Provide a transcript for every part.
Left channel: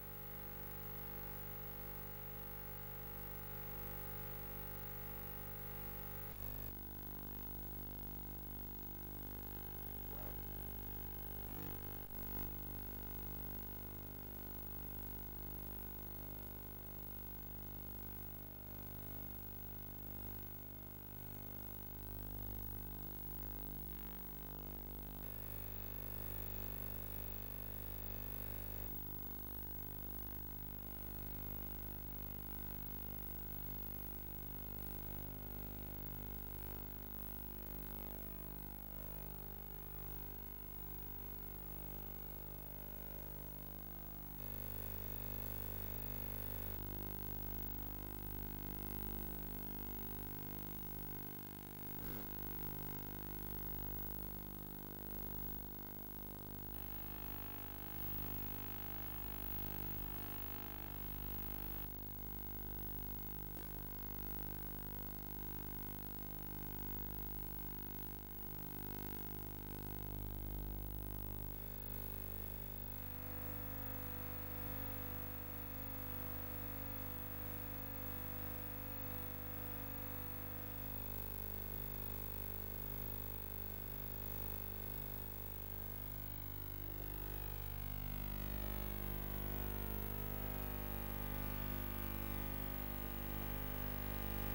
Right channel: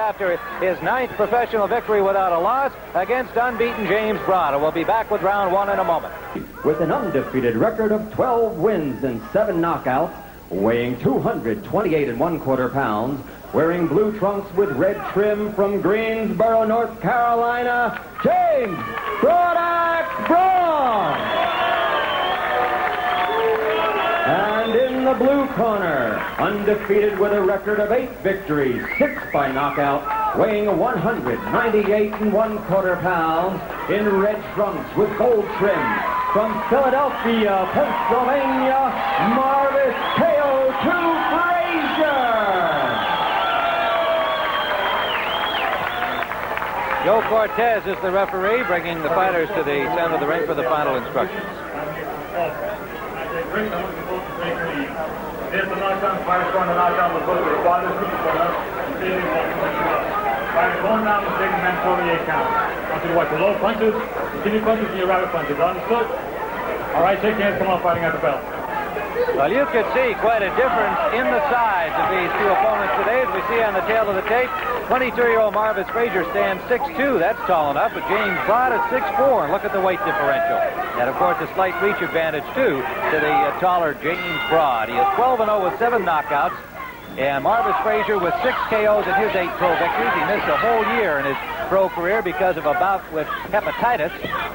after his 9th professional victory without a loss against unbeaten James Broad. And we'll be back with round 1 in a moment. With an undefeated record of 12 wins and 7 knockouts, weighing 228 1/4 pounds, wearing blue trunks with red trim from Greensboro, North Carolina, James Broad. And in the blue corner, undefeated with a record of 8 victories, 6 by knockout, weighing 198 1/4 pounds, in red trunks with gold trim, from Philadelphia, Pennsylvania, Marvis KO2 Frazier. Joe Cortez is the referee, bringing the fighters to the center of the ring for the final instructions. There's the knockdown, fighter's going to knock down the foot of the body, fighter's going down the big man 48 count. I want you to watch the low punches, continue punches, and your rapid punches. Understood? All right, shake hands, come on, fighting at the bell. Well, you could see quite a difference in the size of these two opponents today, as we see on the tail of the tape. 22-year-old Marvis Frazier stands 6'2". That's tall enough, but James Broad is 6'4". And look at the weight differential. And, of course, a slight reach advantage, too, to the taller James Broad. He is 12-0 with 7 knockouts. And Marvis Frazier with 6 KOs in his 8 pro victories. He missed a whole year in his pro career because of a bout with hepatitis,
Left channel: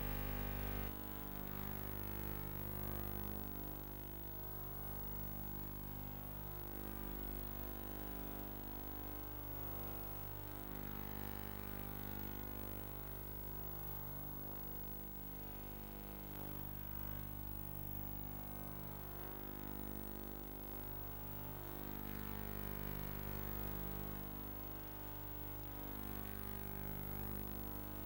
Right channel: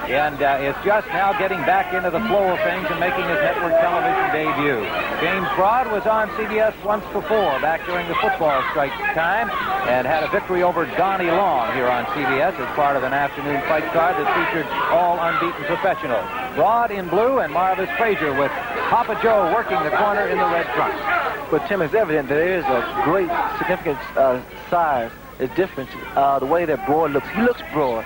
and is just now getting back into the flow of things and making his network television debut. James Broad was on CBS once before, back during the football strike time, and had a victory over Donnie Long here on CBS as part of an afternoon fight card that featured all unbeaten professionals. Broad in blue and Marvis Frazier with Papa Joe working the corner in the red trunks. But Tim, it's evident that there is a great significant size, a difference, the way that Broad looks. He looks broad,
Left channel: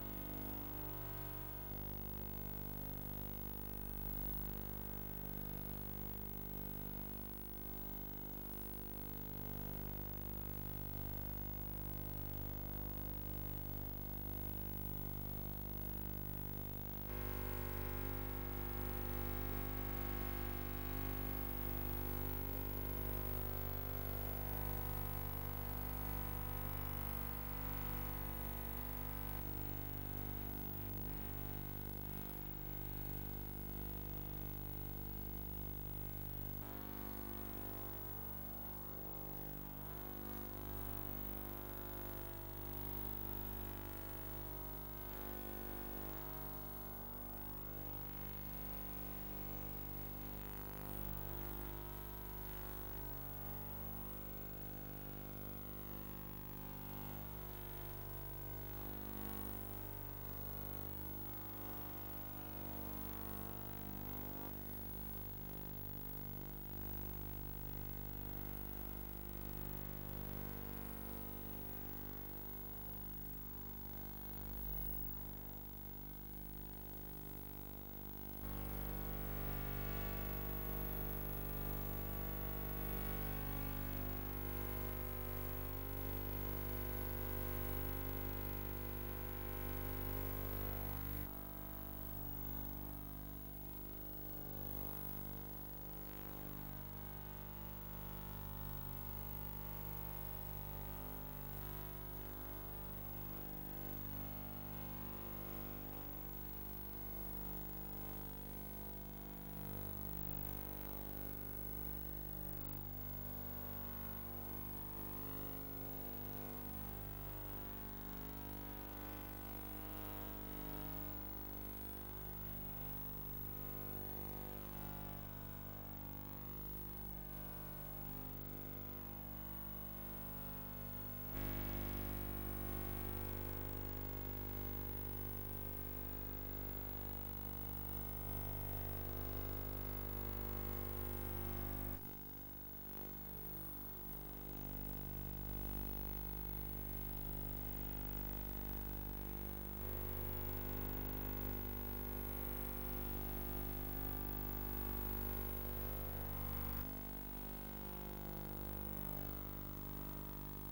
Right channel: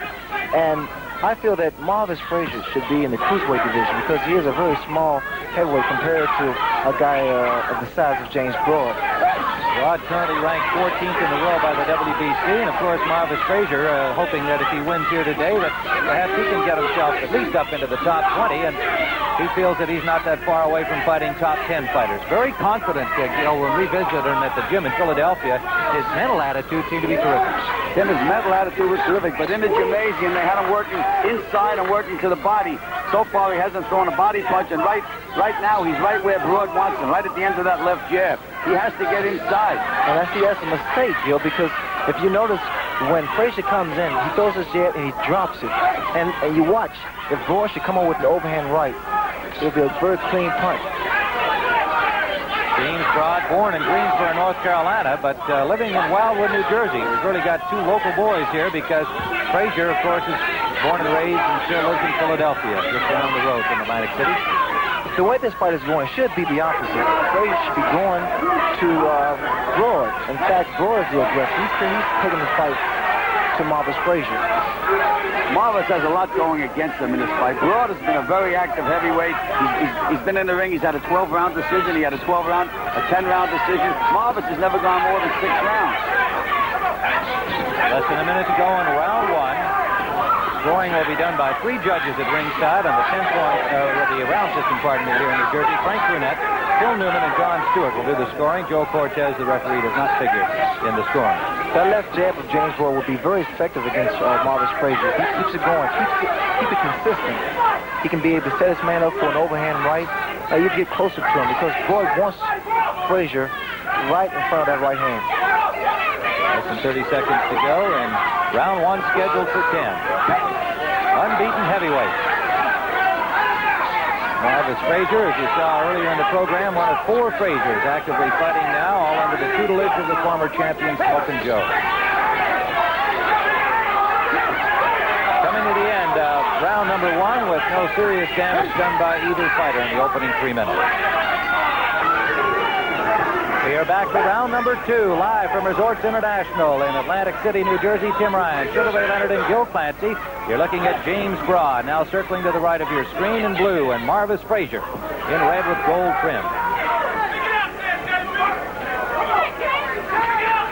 and I feel that Marvis Frazier should be in the cruiserweight division because he is a very small heavyweight compared to a guy of the size of James Broad. Broad currently ranked 14th in the world by the WBC, and of course Marvis Frazier hoping that if he wins here today that perhaps he can get himself at least up into the top 20, and he feels that he's not that far away from fighting top 10 fighters. Very confident, when we visited him at the gym in Philadelphia, his mental attitude seemed to be terrific. Then his mental attitude was terrific, but in the gymnasium they had him working inside and working to the body. So far he hasn't thrown a body punch, and right now he's right where Broad wants him, right at the end of that left jab. He has to get inside. And I see that's a mistake, Gil, because if you notice, when Frazier comes in, he throws his jab and he drops it. And you watch, if Broad should come on with an overhand right, it'll be a very clean punch. James Broad, born in Greensboro, North Carolina, but living in Wildwood, New Jersey. We've really got 2 local boys here because Frazier, of course, is born and raised and still lives in Philadelphia, just down the road from Atlantic City. The way this fight is going should be the opposite. Frazier should be going to Broad. In fact, Broad is the aggressor. He's taking the fight to Marvis Frazier. Marvis has a lot going against him in this fight. Broad has been a very active heavyweight. He's been in the ring. He's had a 12-round decision. He had a 10-round decision. Marvis has never gone more than 6 rounds. Less than a minute to go in round 1. Scoring will be done by 3 judges at ringside on the 10th one with the round system, here in New Jersey. Frank Brunette, Phil Newman, and John Stewart will do the scoring. Joe Cortez, the referee, does not figure in the scoring. That left jab of James Broad will be very effective against Marvis Frazier. He keeps it going, keep it consistent. He can be able to set his man up for an overhand right. You get closer to him because Broad wants Frazier right in front of that right hand. Less than 30 seconds to go, and round 1 scheduled for 10. Unbeaten heavyweight. Marvis Frazier, as you saw earlier in the program, one of 4 Fraziers actively fighting now, all under the tutelage of the former champion Smokin' Joe. Coming to the end of round number 1 with no serious damage done by either fighter in the opening 3 minutes. We are back to round number 2, live from Resorts International in Atlantic City, New Jersey. Tim Ryan, Sugar Ray Leonard, and Gil Clancy. You're looking at James Broad, now circling to the right of your screen in blue, and Marvis Frazier in red with gold trim.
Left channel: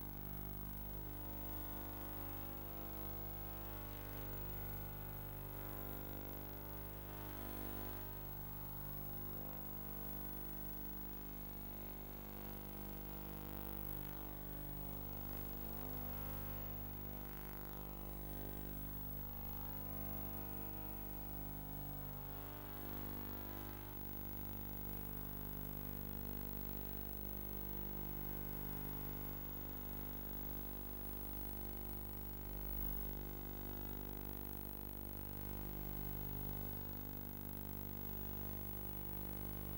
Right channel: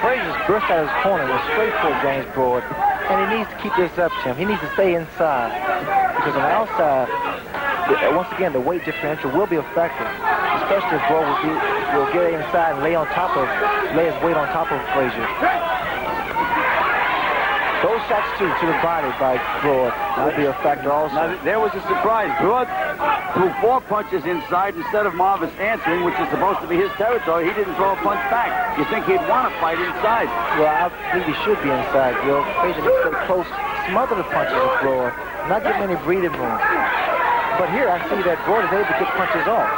Frazier's burst out of his corner was straight for James Broad, and he needs to keep this up, Tim. He needs to stay inside, because on the outside, once again, the weight differential will be effective, especially if Broad will get inside and lay his weight on top of Frazier. Those shots, too, to the body by Broad will be a factor also. Now, there was a surprise. Broad threw 4 punches inside instead of Marvis answering, which is supposed to be his territory. He didn't throw a punch back. You think he'd want to fight inside? Well, I think he should be inside, Bill. Frazier needs to get close, smother the punches of Broad, not give him any breathing room. But here I see that Broad is able to get punches off.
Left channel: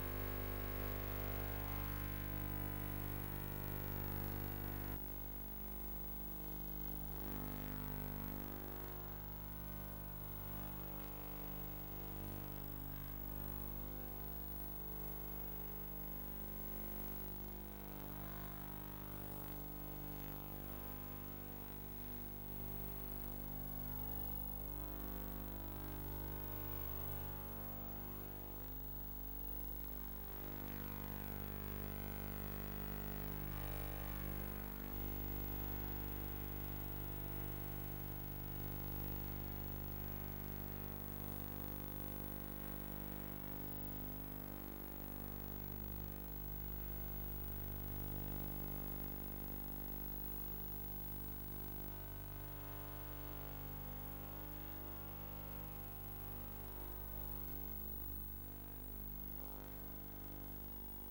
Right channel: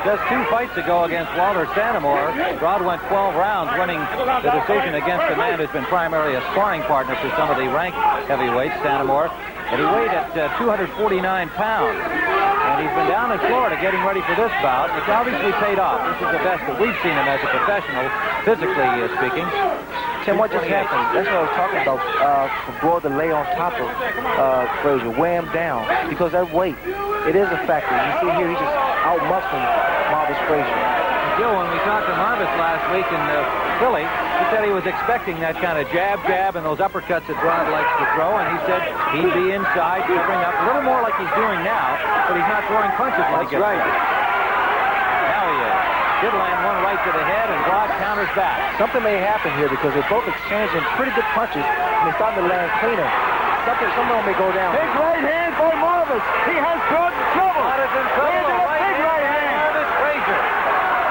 Just 2 fights ago against Walter Santamore, Broad went 12 rounds, winning the decision against a man who's been primarily a sparring partner for some of the ranked heavyweights, Santamore. And he weighed at 249 pounds. And he's been down in Florida getting ready for this bout. It's obviously paid off. This is the best that we've seen him as a professional, physically speaking. Tim, what just happened? That's what I was talking about. For Broad to lay on top of Frazier, weigh him down. Because that weight, it is a factor. You see here, he just out-muscling Marvis Frazier. Joe, when we talked to Marvis last week in Philly, he said he was expecting that kind of jab, and those uppercuts that Broad likes to throw, and he said he'd be inside, covering up a little more like he's doing now, but he's not throwing punches when he gets right. Now he is. Did land one right to the head, and Broad counters back. Something may happen here because they're both exchanging pretty good punches, and they're starting to land cleaner. Someone may go down. Big right hand by Marvis. He has Broad in trouble. Broad is in trouble. Big right hand. Marvis Frazier.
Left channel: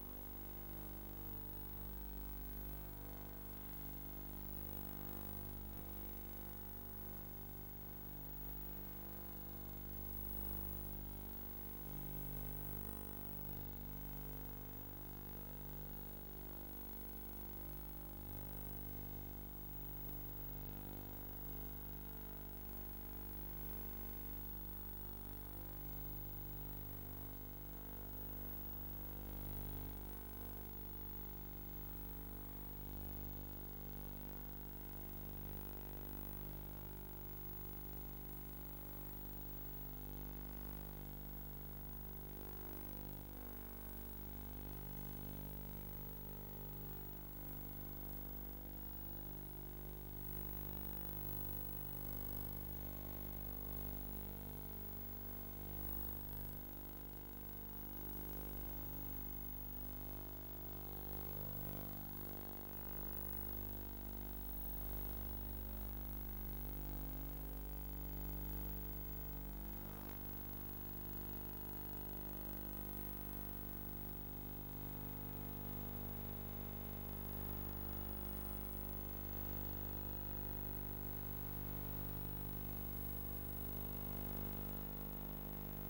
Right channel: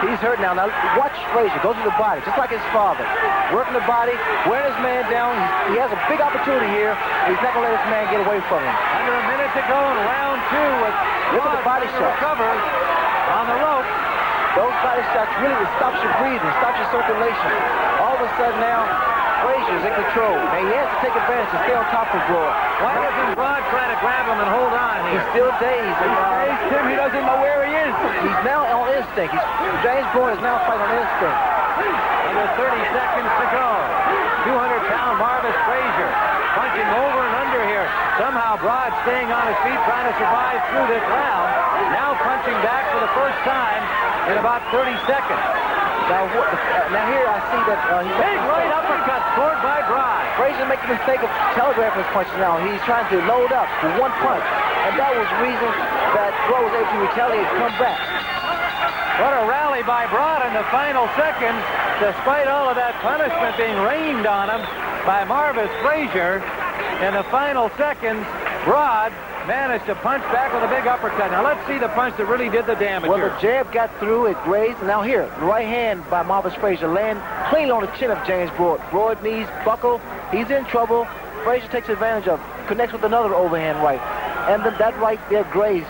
He's hurt now. Now watch Frazier. Go to the body, just like his father. Working the body, wearing his man down. He has a big opportunity here. He's not going to let this man get away from him. Under a minute to go in round 2 with Look at the body shot. Recovers on the rope. Those body shots really stops your breathing, stops your circulation. All of a sudden now, Frazier's in control. Now he has to take advantage to stay on top of Broad. Why doesn't Broad try to grab him and hold on here? He's still dazed. Tim, he doesn't know where he is. He's now on instinct. James Broad is now fighting on instinct. Under 30 seconds to go. 200-pound Marvis Frazier punching over and under here. Somehow Broad staying on his feet, trying to survive through this round. Now punching back for the first time in about 30 seconds. Now here I see that big right uppercut scored by Broad. Frazier making the mistake of telegraphing his punches now. He's trying to load up for one punch. And that was the reason that Broad was able to retaliate and come back. What a rally by Broad in the final seconds, despite all of that punishment being rained on him by Marvis Frazier. In the final seconds, Broad managed to punch back with a big uppercut. Now let's see the punch that really did the damage. Well, the jab got through, it grazed. Now here, the right hand by Marvis Frazier land clean on the chin of James Broad. Broad knees buckle. He's in trouble. Frazier takes advantage of, connects with another overhand right. And then that right there grazed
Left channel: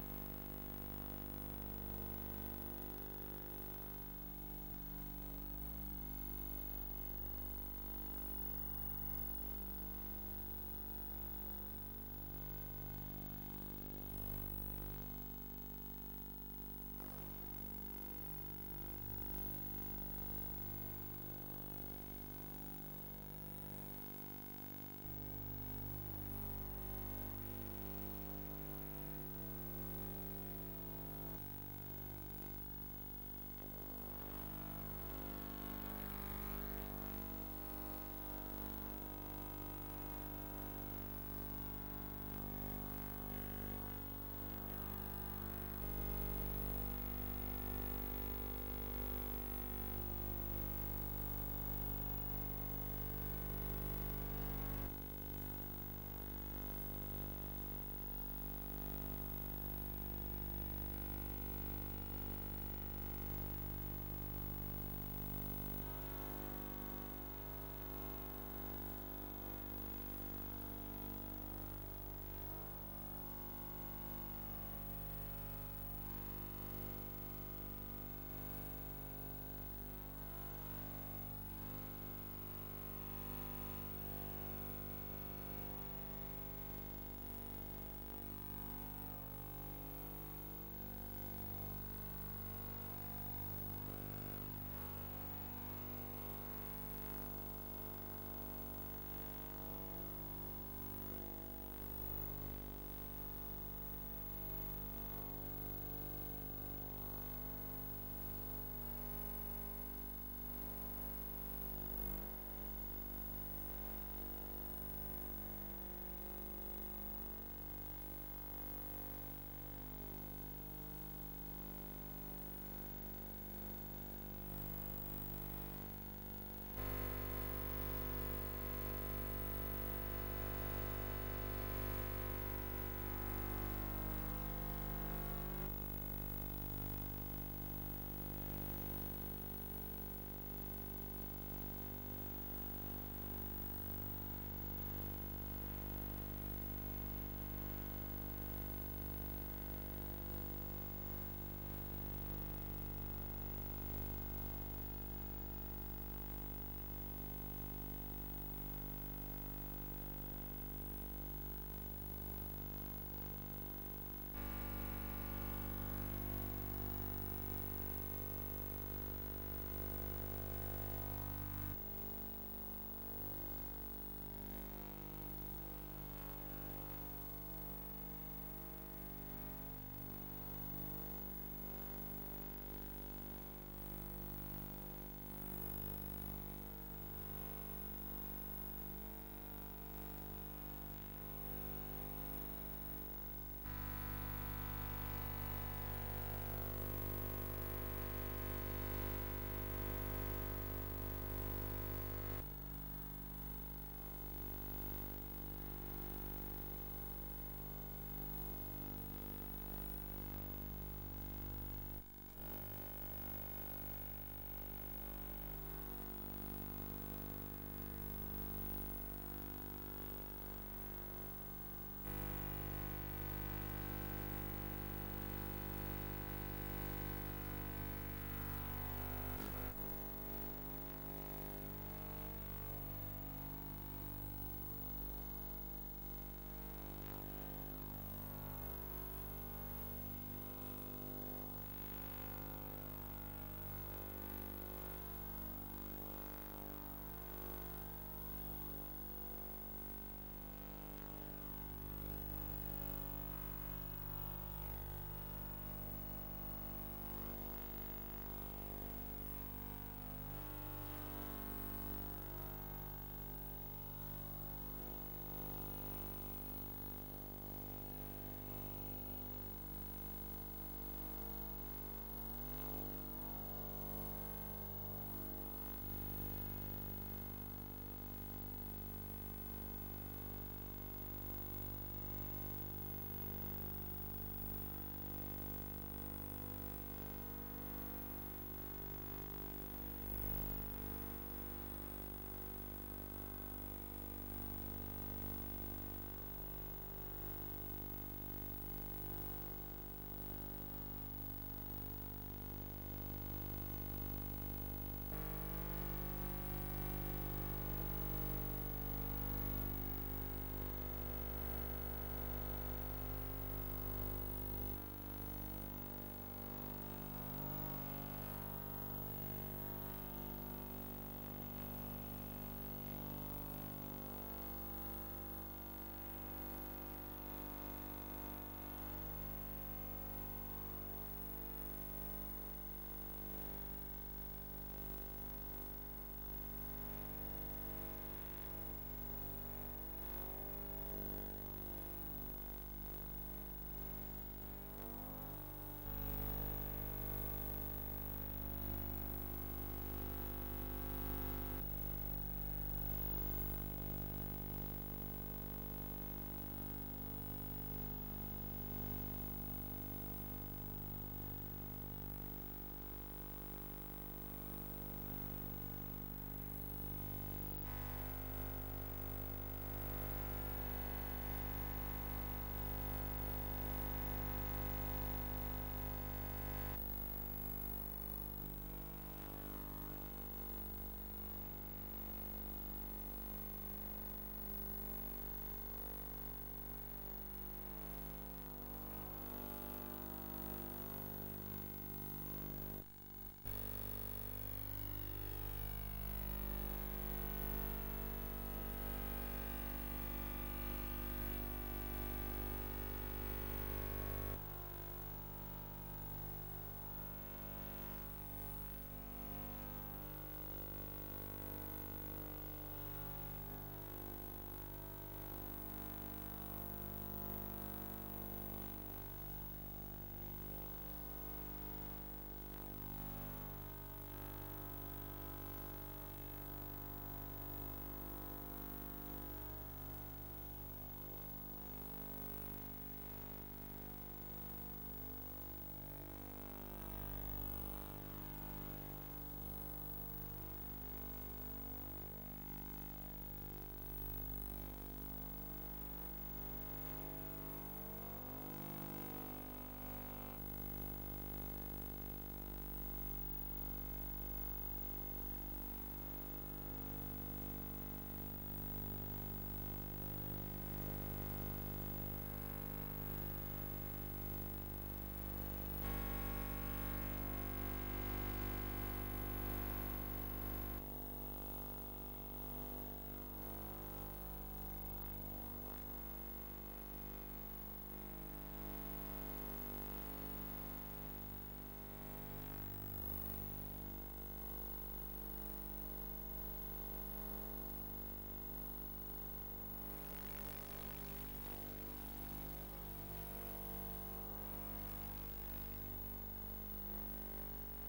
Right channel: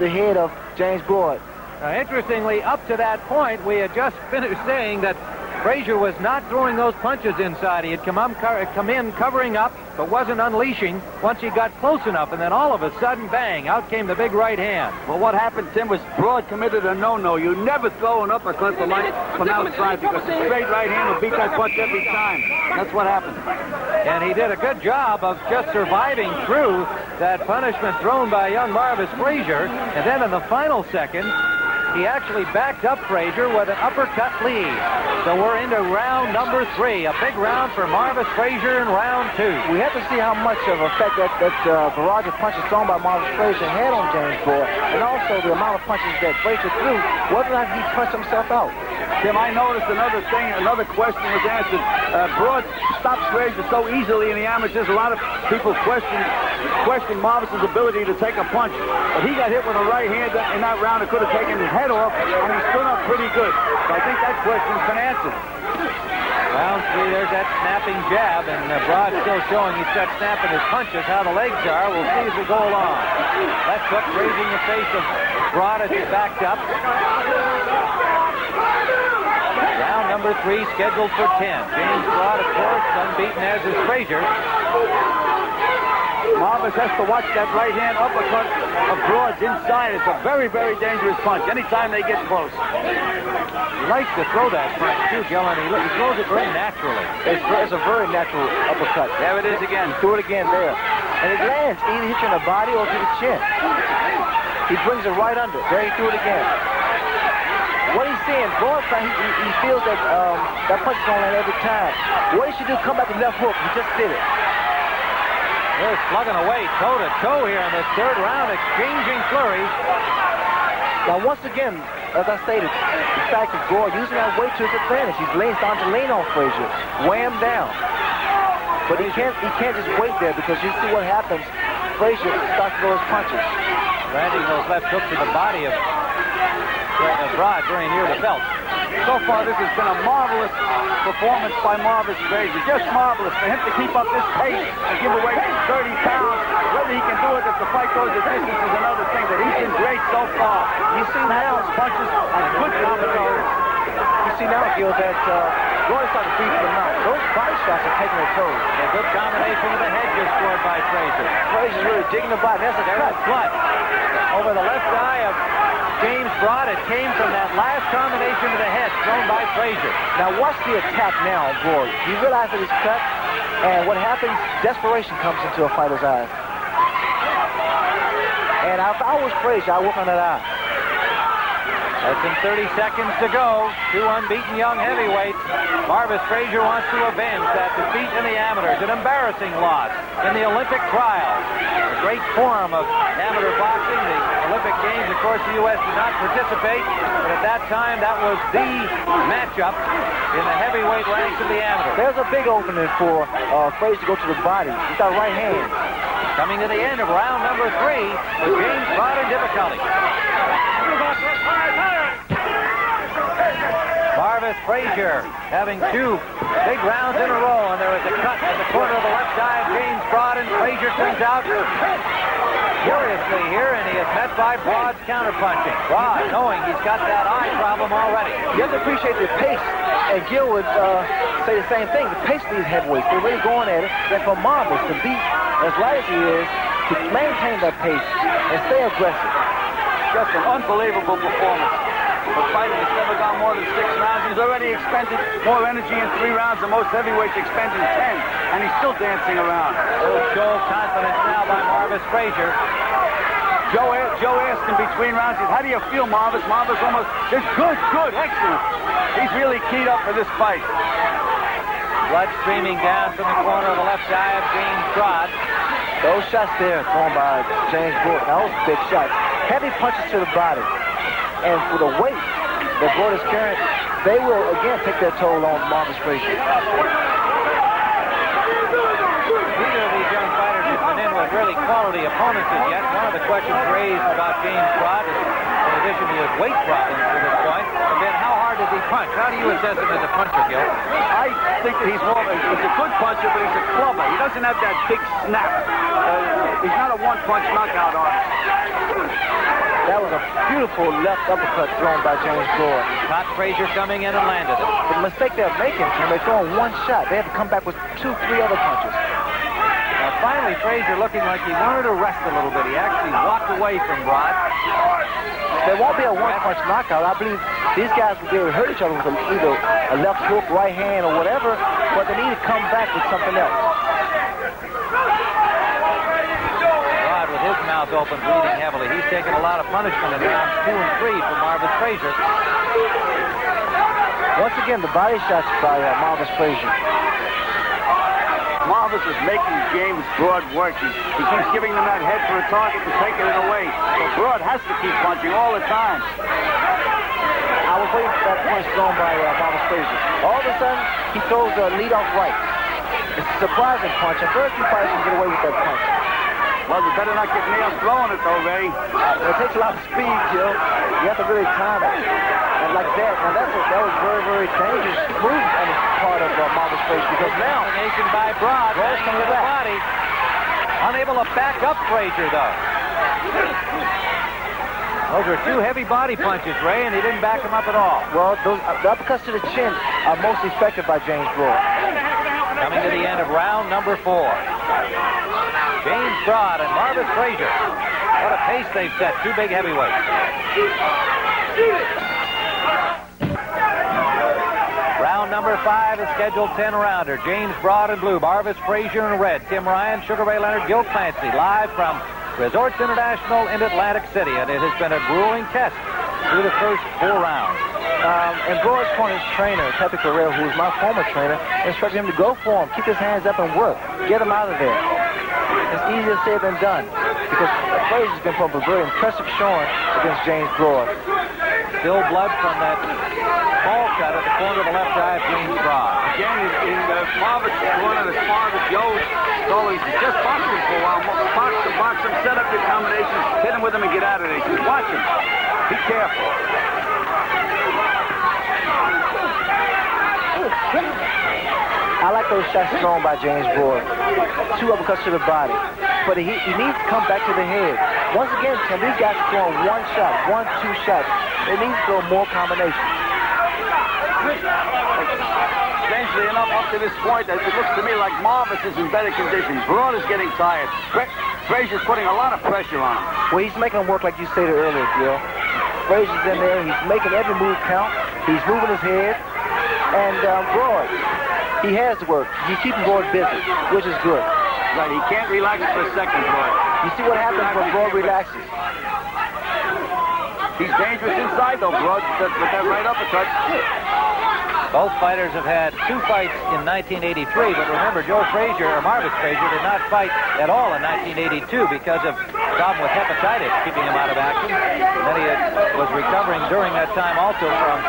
the head of James Broad. Now, interestingly, up to that point, we had just finished saying that Frazier was not throwing those punches inside. He had come in covering up, but wasn't unleashing once he got close enough. And then all of a sudden, bang, out came the big right hand. Well, what happened, Tim, was Broad committed a no-no. You never throw an uppercut from outside because a straight right hand will beat that punch every time. That's what happened. And he did a good job of just surviving through that punishment thrown by young Marvis Frazier. And then in the final second, he actually backed up Frazier with an uppercut lead. So we're into round number 3. A big round for Marvis Frazier in round 2. We have to see how much of an effect that barrage of punches thrown by Marvis Frazier had on James Broad, and also the amount of punches that Frazier threw, whether or not he punched himself out. Tim, I noticed another thing, another question was answered. Broad stops Frazier so easily in the amateurs. A lot of people question Marvis's ability to take a punch. But he got hit with a right hand in that round that could have taken his head off, and he stood up pretty good. So I think that question's been answered. Round 3, there's that snapping jab, and Broad still showing he's got snap in his punches. How the legs are, we'll see as we go along. Left hook grazing the face of Broad as he backed up. Round number 3 scheduled for 10. James Broad, of course, unbeaten as is Frazier. Marvis has to watch that right hand uppercut of Broad's inside. It's a very, very dangerous punch anytime they get close. He likes to throw that punch, too, Gillen. He throws it very naturally. It's a very natural uppercut. There it is again. He threw it again there. And it lands. Either hits you in the body or to the chin. He brings it right under. There he threw it again. What he's saying, Broad, he feels that that punch is going to land every time. What he should do, come back to left hook. He just did it. They're slugging away toe-to-toe here in this 3rd round, exchanging flurries. Now, once again, as I stated, the fact that Broad using that weight to his advantage. He's starting to lean on Frazier. Weigh him down. But he can't just wait there because you see what happens. Frazier starts to throw his punches. Landing those left hooks to the body of Broad very near the belt. So far, this has been a marvelous performance by Marvis Frazier. Just marvelous for him to keep up this pace and give away 30 pounds. Whether he can do it if the fight goes the distance is another thing, but he's been great so far. You see now his punches and good combinations. You see now, Gil, that Gordon's starting to beat him out. Those body shots are taking their toll. A good combination of the head just scored by Frazier. Frazier's really digging the body. That's a cut. Blood over the left eye of James Broad. It came from that last combination of the head thrown by Frazier. Now watch the attack now, Broad. You realize that he's cut, and what happens, desperation comes into a fighter's eyes. And if I was Frazier, I'd work on that eye. Less than 30 seconds to go. Two unbeaten young heavyweights. Marvis Frazier wants to avenge that defeat in the amateurs. An embarrassing loss in the Olympic trials. A great form of amateur boxing. The Olympic Games, of course, the U.S. did not participate. But at that time, that was the matchup in the heavyweight ranks of the amateurs. There's a big opening for Frazier to go to the body. He's got right hand. Coming to the end of round number 3 with James Broad in difficulty. Marvis Frazier having 2 big rounds in a row, and there is a cut at the corner of the left eye of James Broad, and Frazier comes out furiously here, and he is met by Broad's counterpunching. Broad, knowing he's got that eye problem already. You have to appreciate the pace, and Gil would say the same thing. The pace of these heavyweights, they're really going at it. And for Marvis to be as light as he is, to maintain that pace and stay aggressive. Just an unbelievable performance. The fighting has never gone more than 6 rounds. He's already expended more energy in 3 rounds than most heavyweights expend in 10, and he's still dancing around. A little show of confidence now by Marvis Frazier. Joe asked him between rounds, he said, how do you feel, Marvis? Marvis almost says, good, excellent. He's really keyed up for this fight. Blood streaming down from the corner of the left eye of James Broad. Those shots there thrown by James Broad, those big shots. Heavy punches to the body. And for the weight that Broad is carrying, they will again take their toll on Marvis Frazier. Neither of these young fighters has been in with really quality opponents as yet. One of the questions raised about James Broad, in addition to his weight problems to this point, have been how hard does he punch? How do you assess him as a puncher, Gil? I think that he's a good puncher, but he's a clubber. He doesn't have that big snap. He's not a one-punch knockout artist. That was a beautiful left uppercut thrown by James Broad. Caught Frazier coming in and landed it. The mistake they're making when they're throwing one shot, they have to come back with 2, 3 other punches. Now finally, Frazier looking like he wanted to rest a little bit. He actually walked away from Broad. There won't be a one-punch knockout. I believe these guys will be able to hurt each other with either a left hook, right hand, or whatever, but they need to come back with something else. Broad with his mouth open, bleeding heavily. He's taken a lot of punishment in rounds 2 and 3 from Marvis Frazier. Once again, the body shots by Marvis Frazier. Marvis is making James Broad work. He keeps giving them that head for a target and taking it away. So Broad has to keep punching all the time. I was waiting for that punch thrown by Marvis Frazier. All of a sudden, he throws a lead-off right. It's a surprising punch, and very few fighters can get away with that punch. Well, we better not get nails throwing it, though, Ray. It takes a lot of speed, Gil. You have to really time it. And like that, now that was very, very dangerous move on the part of Marvis Frazier, because now Combination by Broad, Broad's coming coming to the back. body. Unable to back up Frazier, though. Those are 2 heavy body punches, Ray, and he didn't back him up at all. well, those the uppercuts to the chin are most effective by James Broad. Coming to the end of round number 4. James Broad and Marvis Frazier. What a pace they've set. 2 big heavyweights. Round number 5 is scheduled 10-rounder. James Broad in blue, Marvis Frazier in red. Tim Ryan, Sugar Ray Leonard, Gil Clancy, live from Resorts International in Atlantic City. And it has been a grueling test through the first 4 rounds. And Broad's point, his trainer, Pepe Carrera, who was my former trainer, instructed him to go for him, keep his hands up and work, get him out of there. It's easier said than done, because Frazier's been put up a very impressive showing against James Broad. Still blood from that ball cut at the corner of the left eye of James Broad. Again, in Marvis corner, as far as Joe told him, he said, just box him for a while. Box him, set up your combinations, hit him with him and get out of there. He said, watch him. Be careful. I like those shots thrown by James Broad. 2 uppercuts to the body. But he needs to come back to the head. Once again, Tim, these guys are throwing 1 shot, 1, 2 shots. They need to throw more combinations. Strangely enough, up to this point, it looks to me like Marvis is in better condition. Broad is getting tired. Frazier's putting a lot of pressure on him. Well, he's making him work like you stated earlier, Gil. Frazier's in there. He's making every move count. He's moving his head. And Broad, he has to work. He's keeping Broad busy, which is good. Right, he can't relax for a second, Broad. You see what happens when Broad relaxes. He's dangerous inside, though, Broad, with that right uppercut. Both fighters have had 2 fights in 1983, but remember, Marvis Frazier did not fight at all in 1982 because of a problem with hepatitis keeping him out of action. And then he was recovering during that time also from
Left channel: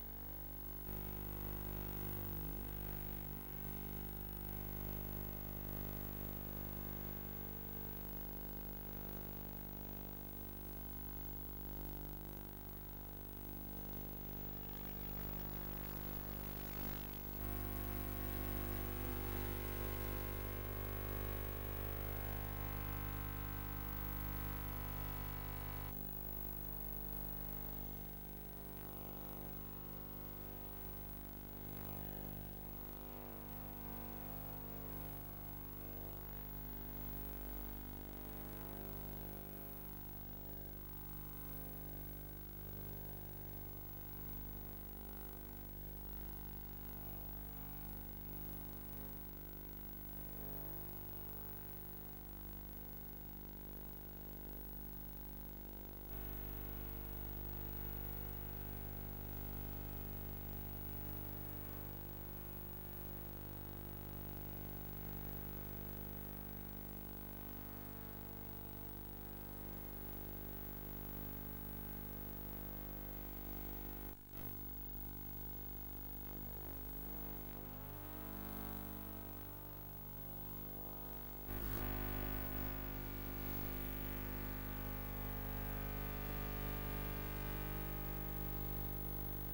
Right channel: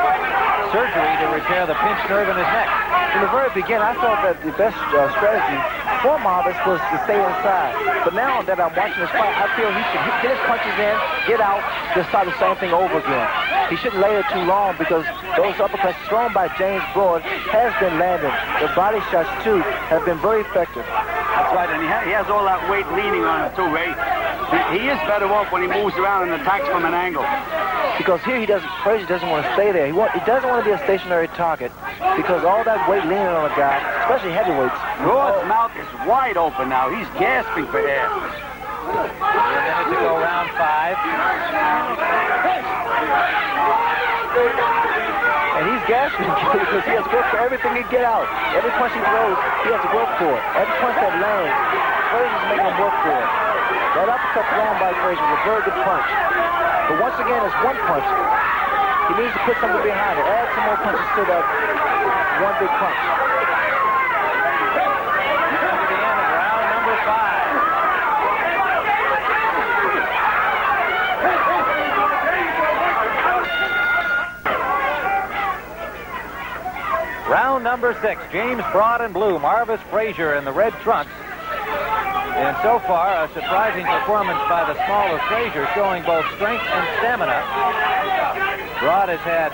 surgery to repair the pinched nerve in his neck. From the very beginning, I thought that the best strategy for Marvis was to stay inside. But now that I'm watching this fight, I feel he should get his punches in, get out, just start the same thing over again. He shouldn't lay it too long because those uppercuts thrown by James Broad has been landing. The body shots, too, have been very effective. That's right, and he has all that weight leaning on him, too, Ray. He is better off when he moves around and attacks from an angle. Because here Frazier doesn't want to stay there. He doesn't want to be a stationary target because all that weight leaning on a guy, especially heavyweights. Broad's mouth is wide open now. He's gasping for air. 3 minutes to go, round 5. And he's gasping because he has to work for everything he get out. Every punch he throws, he has to work for it. Every punch that lands, Frazier's making him work for it. That uppercut thrown by Frazier was a very good punch. But once again, it's 1 punch. He needs to put something behind it. Add some more punches to that 1 big punch. To the end of round number 5. Round number 6, James Broad in blue, Marvis Frazier in the red trunks. And so far, a surprising performance by the smaller Frazier, showing both strength and stamina. Broad has had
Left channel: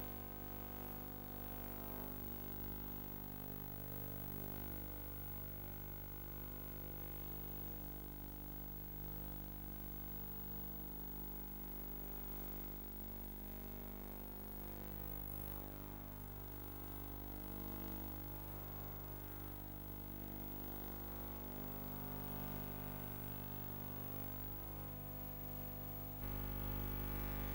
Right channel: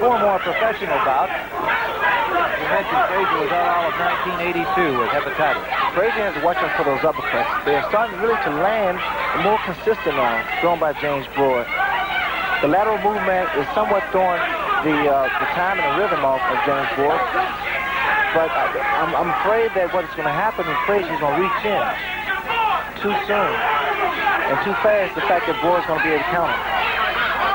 4 more professional bouts. You mentioned Frazier was out all of 1982 with hepatitis. Frazier has to watch out for those uppercuts. They're starting really to land more consistent now, thrown by James Broad. The lateral movement is somewhat throwing the time and the rhythm off of James Broad. But I'm afraid that what's going to happen is Frazier's going to reach in too soon and too fast. The fact that Broad's going to be able to counter.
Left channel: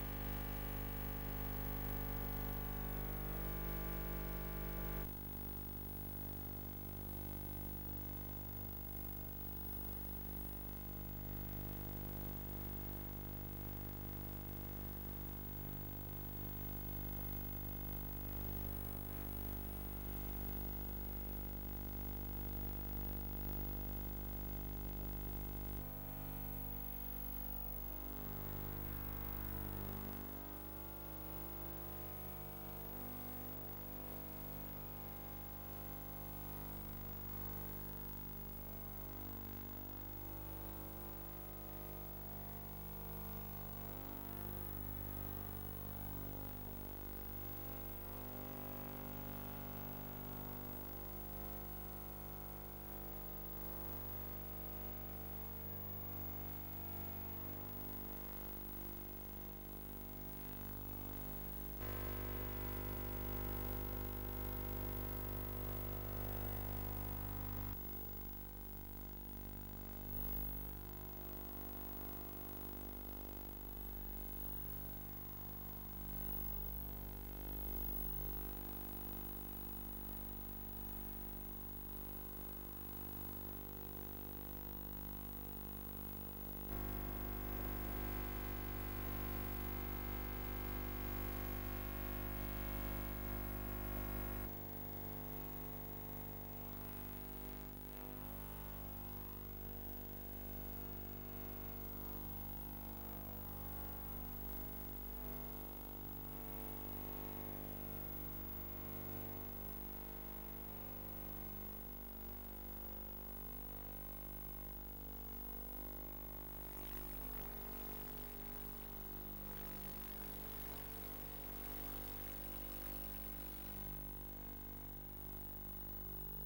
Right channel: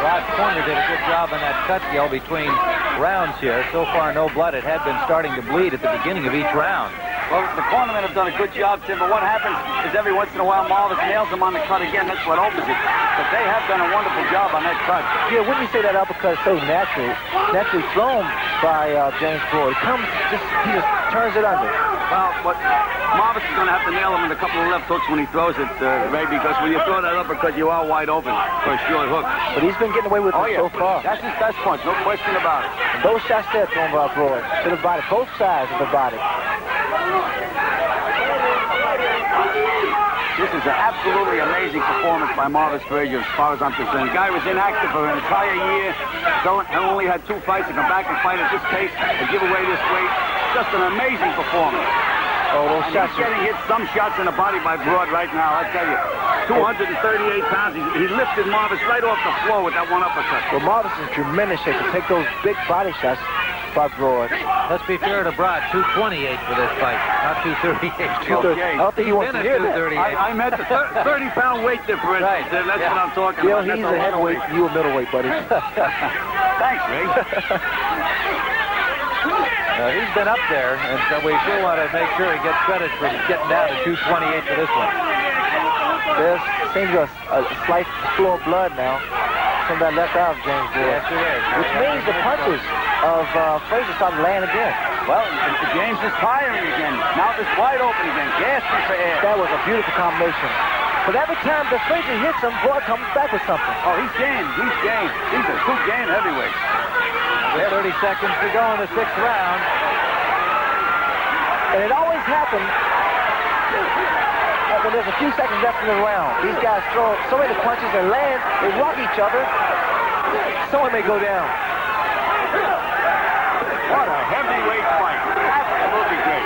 Rod Corner did a good job in that cut deal between rounds here. So far, no blood. It had been starting to bleed at the beginning of each round. Well, the cornermen have done a good job, Tim, but what happens is every once in a while Marvis nails him on the cut again. That's what opens it. But they have done a wonderful job on that cut. Yeah, wouldn't you say that uppercut is so naturally thrown by James Broad? He just turns it under. Well, but Marvis is going to have to nail him with a couple of left hooks when he throws it, Ray, because when you throw that uppercut, you are wide open for a short hook. But he's been getting away with it so far. That's his best punch, no question about it. And those shots there thrown by Broad to the body, both sides of the body. This is an absolutely amazing performance by Marvis Frazier as far as I'm concerned. The guy was inactive for an entire year, only had 2 fights to come back and fight at this pace and give away this weight. Just an amazing performance. Oh, those shots. He's getting hit some shots in the body by Broad right now, I tell you. 238 pounds. He lifted Marvis right off the floor with that 1 uppercut. Well, Marvis is in tremendous shape to take those big body shots by Broad. Let's be fair to Broad, 228 for this fight, not 238. Okay. I don't think he wants to hear that. I meant the 30-pound weight differential. Right. That's what I'm talking about. He's a heavyweight, you a middleweight, buddy. Thanks, Ray. He's been up there, and so we sure want to make sure he gets credit for getting down to 228 for this one. There seems a slight flow of blood now from that left eye of James Broad. Yes, it is. Which means the punches of Frazier started laying again. Well, James is firing again. Mouth is wide open again, gasping for air. That was a beautiful combination. But every time the Frazier hits him, Broad comes back with something. Oh, he's game. He's game. These are 2 game heavyweights. With 30 seconds to go in the 6th round. And it always happens When there's a few seconds left in the round, these guys throw so many punches and land, they rock each other. Someone may go down. What a heavyweight fight. Absolutely great.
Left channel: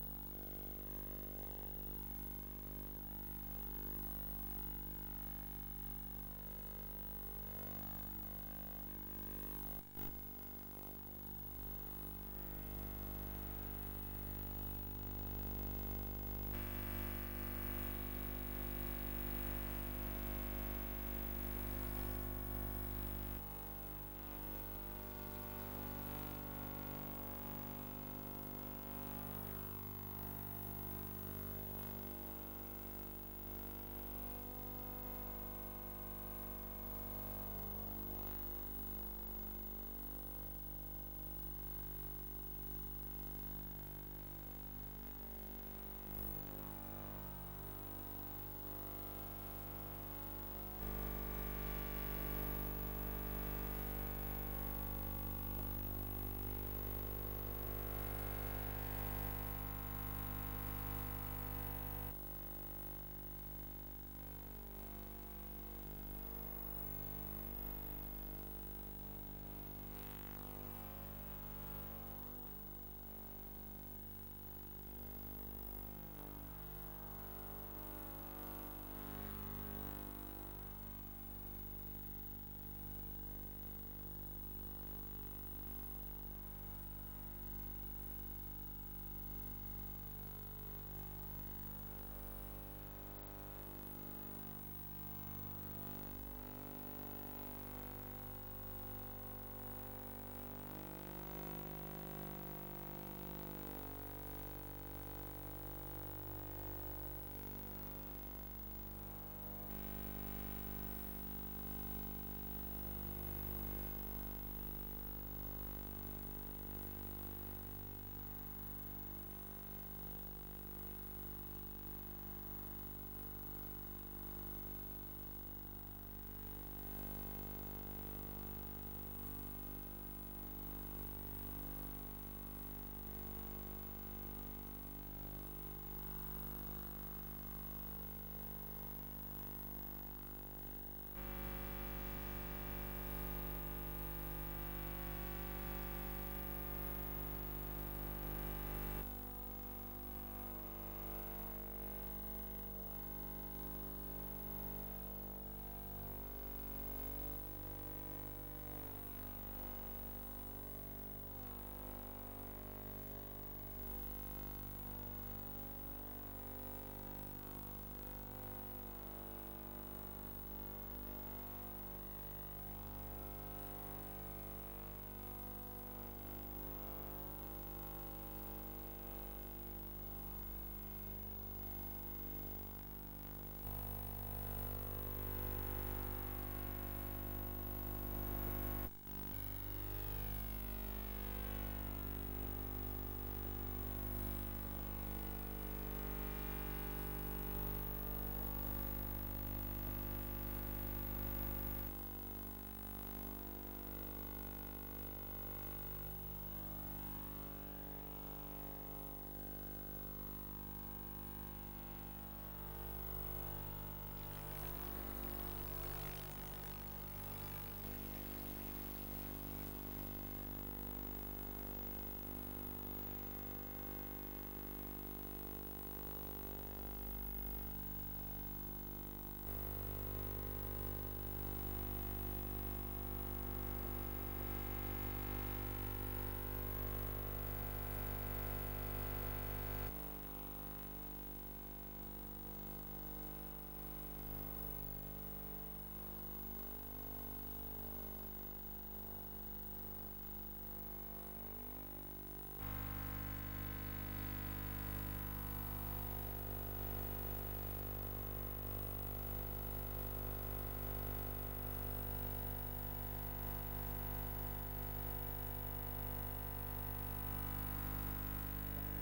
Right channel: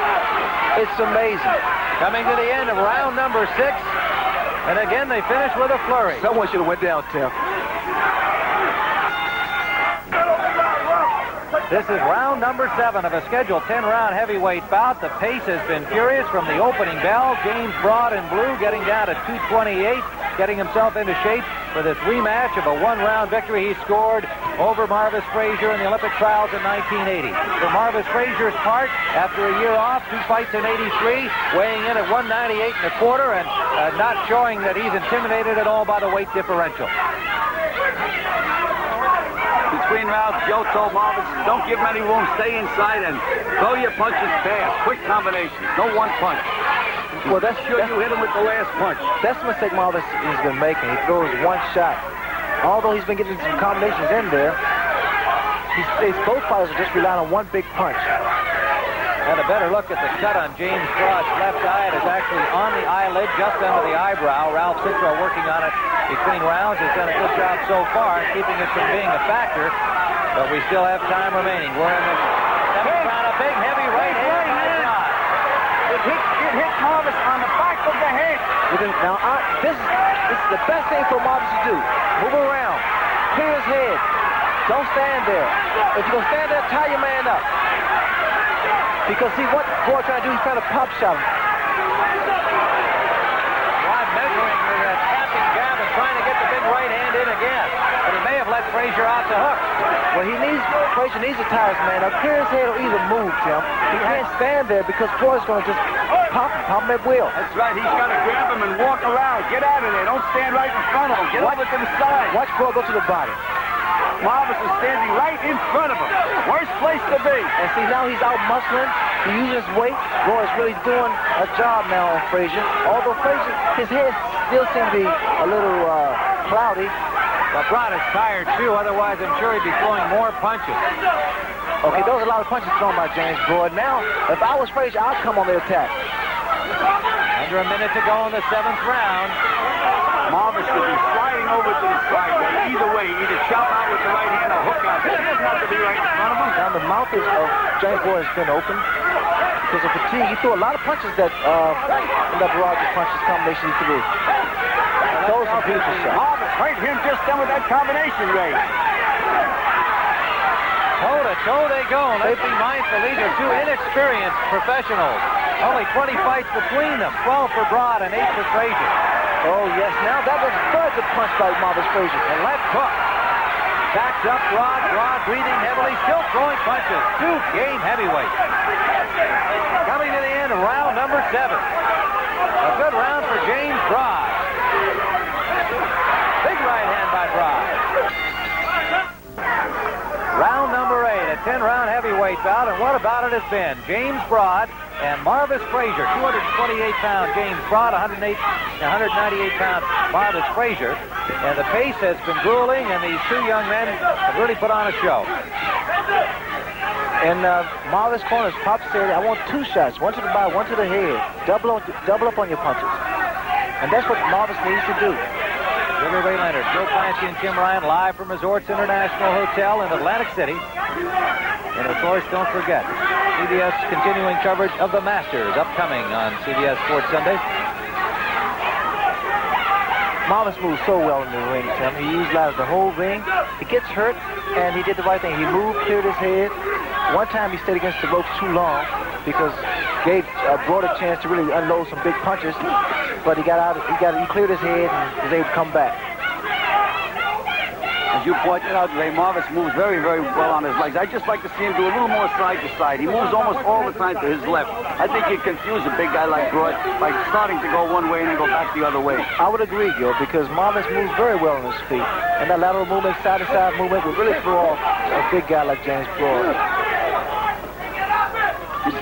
It's amazing. Coming to the end of round number 6. And again, they finish with a flurry. Someone should have went down, Tim. This is round number 7 of a scheduled 10-round heavyweight bout. The pace has been furious from the opening bell. James Broad in blue getting down to 228, getting himself into shape for this rematch of a one-round victory he scored over Marvis Frazier in the Olympic trials in 1980. For Marvis Frazier's part, after a year off, 2 fights in 83, weighing in at 198 1/4 and not showing that he's intimidated at all by the weight differential. Between rounds, Joe told Marvis, don't give him any room, stay inside and throw your punches fast. Quick combinations, no one punch. Well, that's Sure you hit him with the last punch. That's the mistake Marvis has been making. He throws one shot. Although he's been getting some combinations in there, both fighters are just relying on one big punch. And a better look at the cut on James Broad's left eye. It is actually on the eyelid, just under the eyebrow. Ralph Citro working on it between rounds has done a good job so far, keeping it from being a factor. But we still have time remaining. We're in the 7th round. A big heavy right hand by Broad. It hit Marvis on the back of the head. Now, this is the best thing for Marvis to do. Move around. Clear his head. Don't stand there. If you're going to stand there, tie your man up. Because see what Broad trying to do, he's trying to pop shot him. Broad measuring the tapping jab and trying to get the big right hand in again. But he may have let Frazier off the hook. Well, Frazier needs to tie his man up. Clear his head or either move, Tim. He can't stand there because Broad's going to just pop him at will. That's right, he's got to grab him and walk around. Get out of there, don't stand right in front of him. Get over to the side. Watch Broad go to the body. Marvis is standing right in front of him. Worst place to be. And see, now he's out muscling. He uses his weight. Broad is really doing a job now on Frazier. Although Frazier, his head still seems to be a little cloudy. But Broad is tired, too. Otherwise, I'm sure he'd be throwing more punches. Okay, those are a lot of punches thrown by James Broad. Now, if I was Frazier, I'd come on the attack. Under a minute to go in the 7th round. Marvis could be sliding over to the side. Either way, either chop out with the right hand or hook out. He doesn't have to be right in front of him. Now, the mouth of James Broad has been open because of fatigue. He threw a lot of punches that Broad's punches combination he threw. Those are beautiful shots. Marvis hurt him just then with that combination, Ray. Toe-to-toe they go. Let's be mindful. These are 2 inexperienced professionals. Only 20 fights between them. 12 for Broad and 8 for Frazier. Oh, yes. Now, that was a very good punch by Marvis Frazier. The left hook. Backs up Broad. Broad breathing heavily. Still throwing punches. 2 game heavyweights. Coming to the end of round number 7. A good round for James Broad. Big right hand by Broad. Round number 8, a 10-round heavyweight bout, and what about it has been? James Broad and Marvis Frazier, 228-pound James Broad, 198-pound Marvis Frazier, and the pace has been grueling, and these 2 young men have really put on a show. And Marvis corners, Pop said, I want 2 shots, one to the body, one to the head. Double up on your punches. And that's what Marvis needs to do. Sugar Ray Leonard, Joe Clancy, and Tim Ryan live from Resorts International Hotel in Atlantic City. And of course, don't forget, CBS continuing coverage of the Masters upcoming on CBS Sports Sunday. Marvis moves so well in the ring, Tim. He utilized the whole ring. He gets hurt, and he did the right thing. He moved, cleared his head. One time he stayed against the ropes too long because gave Broad a chance to really unload some big punches. But he got out. He cleared his head and was able to come back. As you pointed out today, Marvis moves very, very well on his legs. I'd just like to see him do a little more side to side. He moves almost all the time to his left. I think he'd confuse a big guy like Broad by starting to go one way and then go back the other way. I would agree, Gil, because Marvis moves very well on his feet. And that lateral movement, side-to-side movement, would really throw off a big guy like James Broad.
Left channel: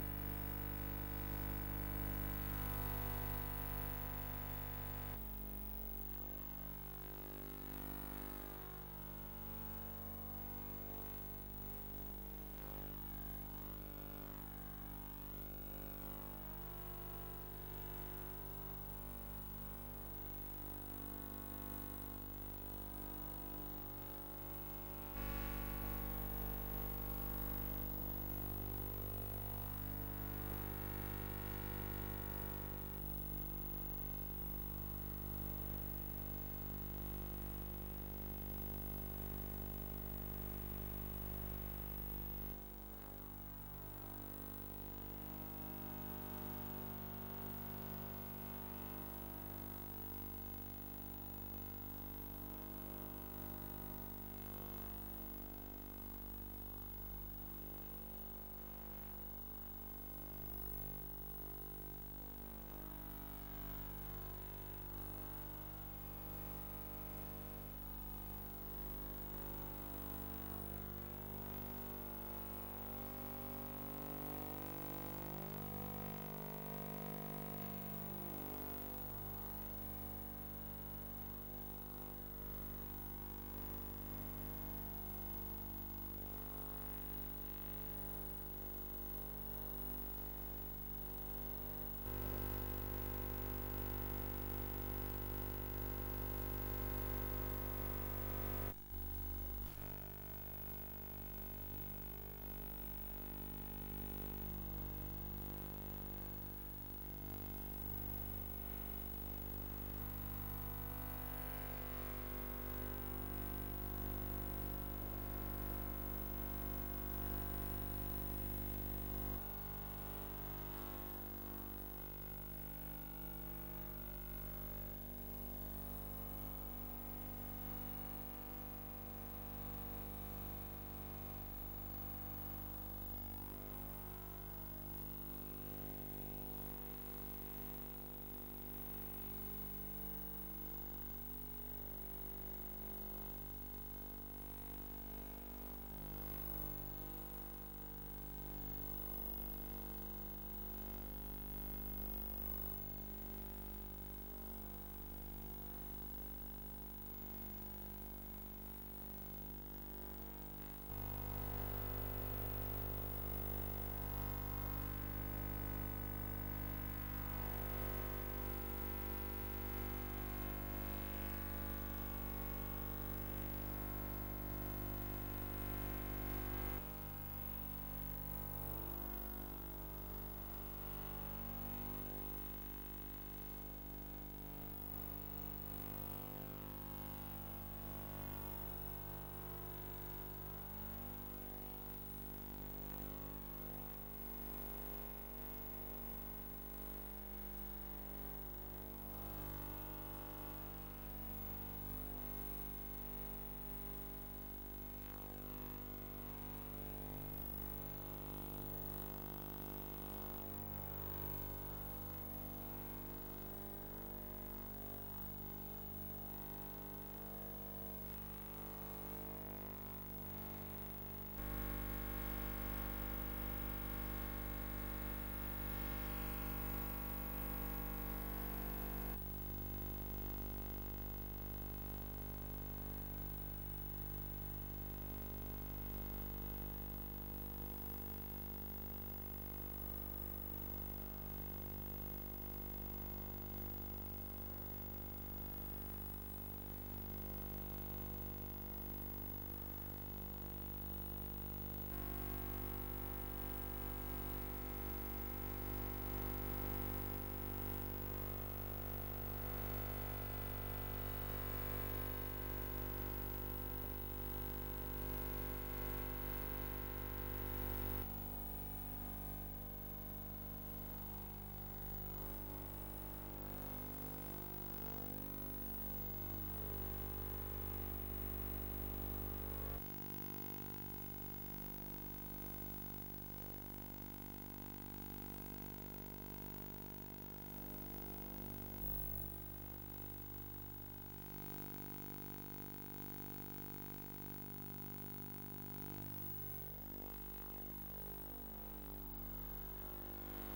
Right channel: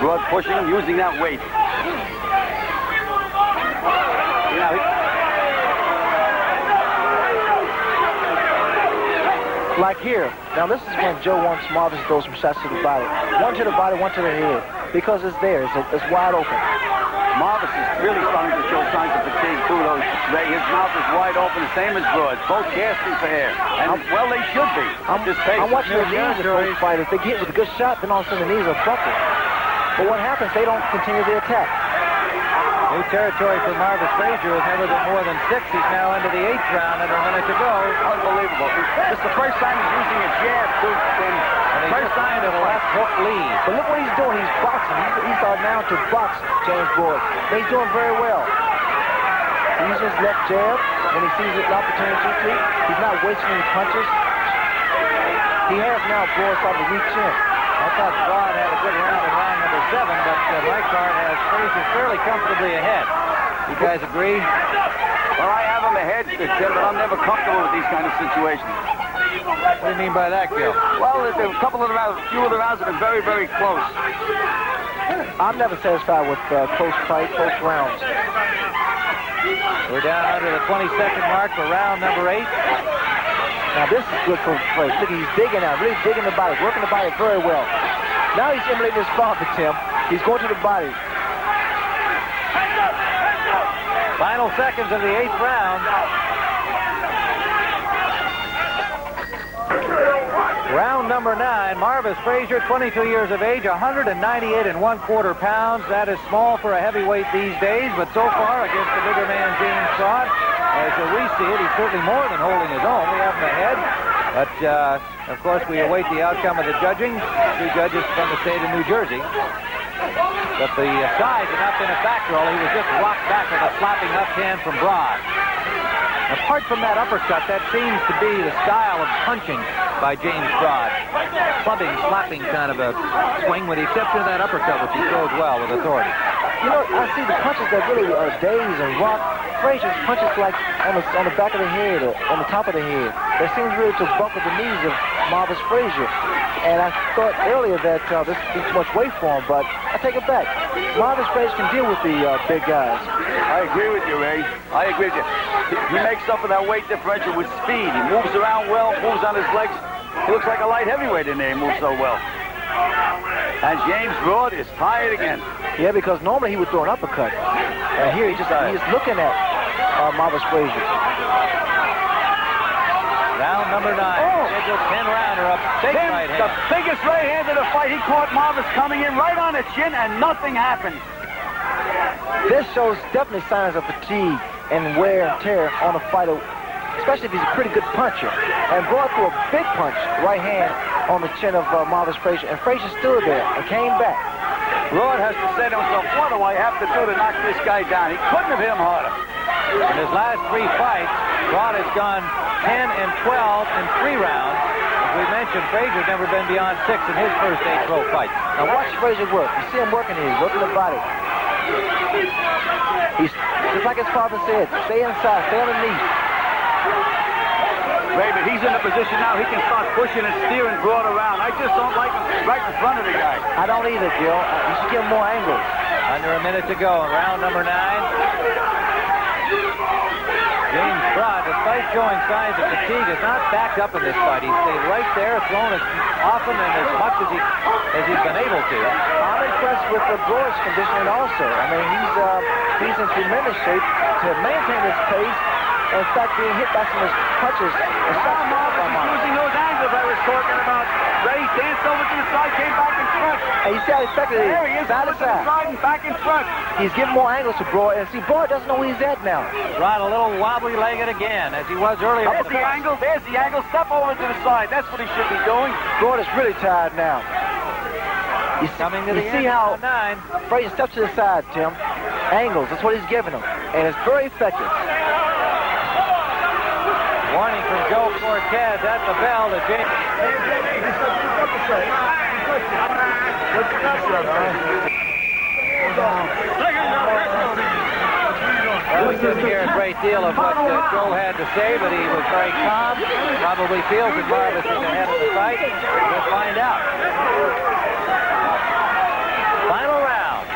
Broad pushing him, using that weight. Like here. Now, this is when Joe wants Marvis to throw some shots to the body. One to the body, one to the head. Because it's there. It's wide open. Marvis is really starting to show signs of fatigue, too, though. His mouth is wide open, the same as Broad. Both gasping for air. And, well, they should be at this pace. I'm watching the knees of both fighters. They get with a good shot, then all of a sudden the knees are buckled. But what happens, they don't continue the attack. New territory for Marvis Frazier has never been more than 6. He's now into the 8th round under a minute to go. Unbelievable. This is the first time he's using a jab, too. And first time to the left hook lead. But look what he's doing. He's boxing. He's starting now to box James Broad. He's doing very well. He's just left jab when he sees an opportunity to. He's not wasting any punches. He has now Broad starting to reach in. I thought Broad had a good round in round number 7, but my card has Frazier fairly comfortably ahead. You guys agree? Well, I have him ahead, Tim, but I'm never comfortable with these kind of situations. What do you mean by that, Gil? Well, a couple of the rounds, a few of the rounds have been very, very close. I'm never satisfied with close fights, close rounds. We're down under the 22nd mark for round number 8. Now this is good for Frazier. Look, he's digging out, really digging the body, working the body very well. Now he's emulating his father, Tim. He's going to the body. Final seconds of the 8th round. Round number 9, Marvis Frazier, 22 years of age, 198 1/4 pounds. That is small for a heavyweight these days, but so far against the bigger man, James Broad, as we see it, he's certainly more than holding his own. We have him ahead, but of course we await the outcome of the judging. 2 judges from the state of New Jersey. But the size had not been a factor. He was just rocked back with a slapping left hand from Broad. Apart from that uppercut, that seems to be the style of punching by James Broad. Clubbing, slapping kind of a swing, with the exception of that uppercut, which he throws well with authority. You know, I see the punches that really daze and rock. Frazier's punches like on the back of the head or on the top of the head. That seems really to buckle the knees of Marvis Frazier. And I thought earlier that this would be too much weight for him, but I take it back. Marvis Frazier can deal with the big guys. I agree with you, Ray. I agree with you. He makes up for that weight differential with speed. He moves around well, moves on his legs. He looks like a light heavyweight in there. He moves so well. And James Broad is tired again. Yeah, because normally he would throw an uppercut. And here he's just looking at Marvis Frazier. Round number 9. It's a 10-rounder up. Big right hand. The biggest right hand of the fight. He caught Marvis coming in right on the chin, and nothing happened. This shows definitely signs of fatigue and wear and tear on a fighter, especially if he's a pretty good puncher. And Broad threw a big punch, right hand, on the chin of Marvis Frazier, and Frazier stood there and came back. Broad has to say to himself, what do I have to do to knock this guy down? He couldn't have hit him harder. In his last 3 fights, Broad has gone 10 and 12 in 3 rounds. As we mentioned, Frazier's never been beyond 6 in his first 8 pro fights. Now watch Frazier work. You see him working here. He's working the body. He's just like his father said, stay inside, stay underneath. Ray, but he's in a position now he can start pushing and steering Broad around. I just don't like him right in front of the guy. I don't either, Gil. You should give him more angles. Under a minute to go in round number 9. James Broad, despite showing signs of fatigue, is not backed up in this fight. He stayed right there, thrown as often and as much as he's been able to. I'm impressed with the Broad's conditioning also. I mean, he's in tremendous shape to maintain his pace. In fact, being hit by some of his punches. Using those angles I was talking about. Ray danced over to the side, came back in front. And you see how effective it is. There he is, side to side. And back in front. He's giving more angles to Broad, and see, Broad doesn't know where he's at now. Broad a little wobbly-legged again, as he was earlier. There's the angle, there's the angle. Step over to the side. That's what he should be doing. Broad is really tired now. You Coming to the see end how of 9. Frazier steps to the side, Tim. Angles, that's what he's giving him. And it's very effective. Warning from Joe Cortez at the bell to James. We didn't hear a great deal of what Joe had to say, but he was very calm. Probably feels that Marvis is ahead of the fight. We'll find out. Final round.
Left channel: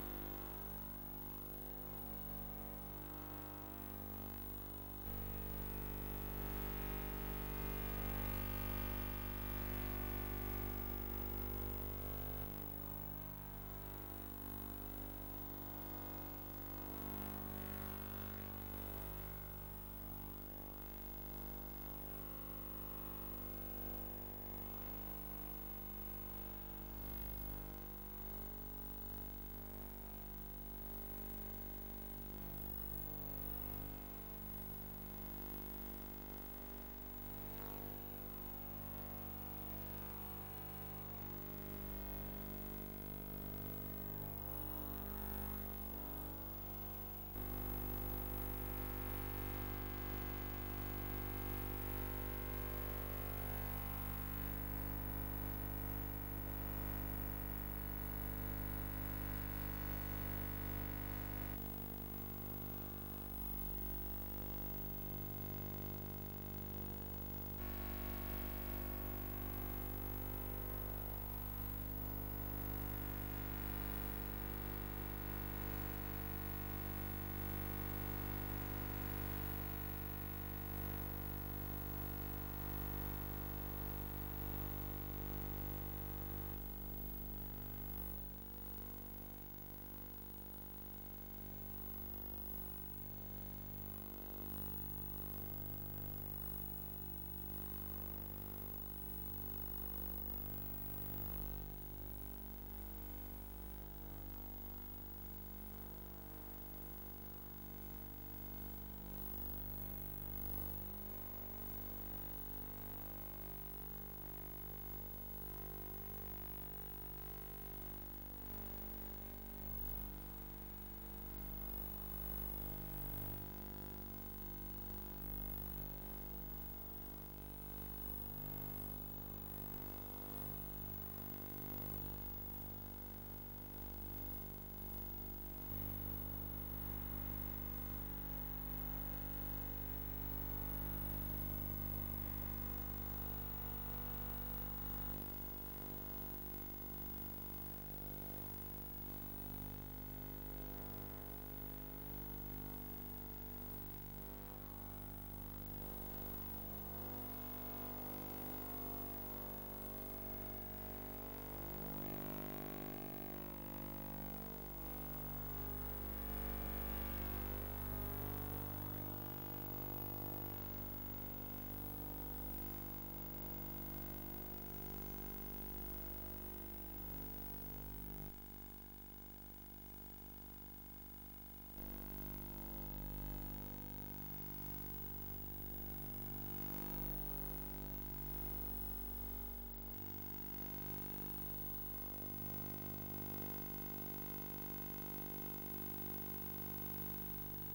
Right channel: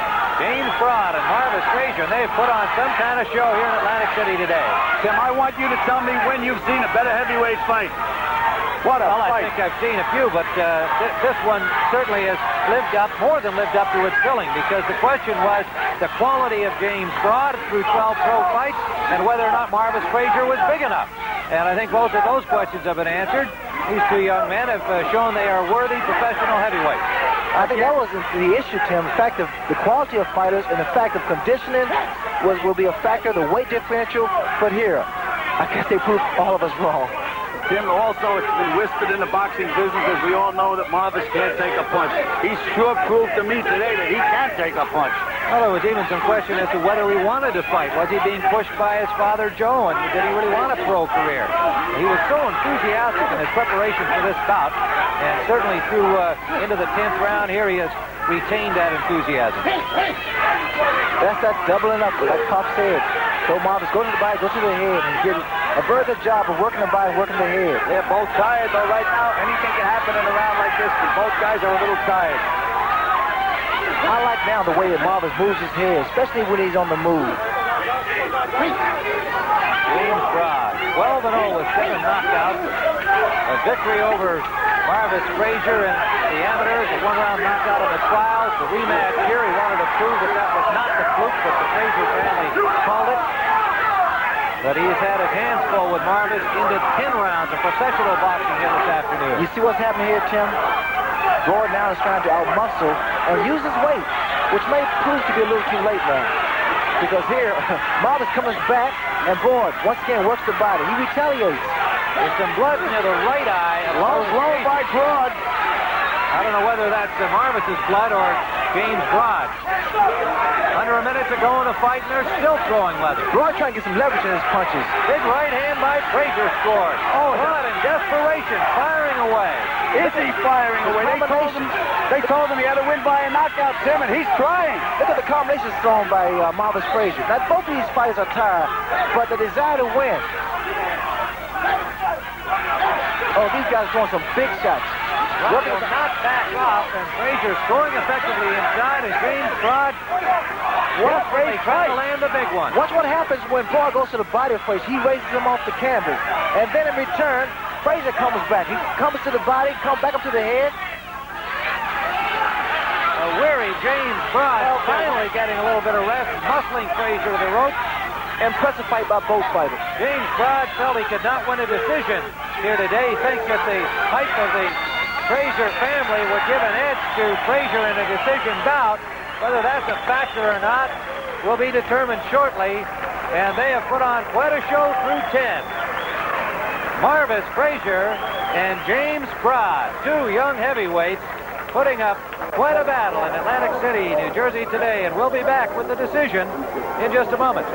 James Broad and Marvis Frazier, and they've put on some kind of show here in Atlantic City today. Tim, I want you to tell me when you've seen a better heavyweight fight. What a Well, fight. I think I've seen a few, but this one certainly has more than lived up to its billing, because the question was, the quality of James Broad through 12 pro fights and whether or not Marvis Frazier was big enough. And I think both of those questions have been answered. These two young men have shown they are worthy professional heavyweights. I think that wasn't the issue, Tim. The fact of the quality of fighters and the fact of conditioning will be a factor, the weight differential. But here, I guess they proved all of us wrong. Tim, also, it's been whispered in the boxing business, as we all know, that Marvis can't take a punch. He sure proved to me today that he can take a punch. Well, there was even some question as to whether he wanted to fight. Was he being pushed by his father, Joe, and did he really want a pro career? He was so enthusiastic in his preparation for this bout, and certainly through into the 10th round here, he has retained that enthusiasm. That's that doubling up, like Pop said. So Marvis, go to the body, go to the head, and get a very good job of working the body, working the head. They're both tired, though, right now. Anything can happen in a round like this, but both guys are a little tired. I like now the way that Marvis moves his head, especially when he's on the move. James Broad, 12-0 with 7 knockouts. A victory over Marvis Frazier in the amateurs, a one-round knockout in the trials. The rematch here, he wanted to prove that that was not the fluke, but the Frazier family called it. But he's had his hands full with Marvis into 10 rounds of professional boxing here this afternoon. You see what's happening here, Tim? Broad now is trying to outmuscle and use his weight, which may prove to be a little too late now. Because here, Marvis comes back, and Broad once again works the body. He retaliates. There's some blood near the right eye. Low blow by Broad. I don't know whether that's Marvis's blood or James Broad. Under a minute to go in the fight, and they're still throwing leather. Broad trying to get some leverage in his punches. Big right hand by Frazier scored. Oh, Broad in desperation, firing away. Is he firing away? They told him he had to win by a knockout, Tim, and he's trying. Look at the combinations thrown by Marvis Frazier. Now, both of these fighters are tired, but the desire to win. Oh, these guys are throwing some big shots. Broad will not back off, and Frazier scoring effectively inside, and James Broad desperately trying to land the big one. Watch what happens when Broad goes to the body of Frazier. He raises him off the canvas, and then in return, Frazier comes back. He comes to the body, comes back up to the head. A weary James Broad finally getting a little bit of rest, muscling Frazier to the rope. Impressive fight by both fighters. James Broad felt he could not win a decision here today. He thinks that the height of the Frazier family would give an edge to Frazier in a decision bout. Whether that's a factor or not will be determined shortly. And they have put on quite a show through 10. Marvis Frazier and James Broad, two young heavyweights, putting up quite a battle in Atlantic City, New Jersey today. And we'll be back with the decision in just a moment.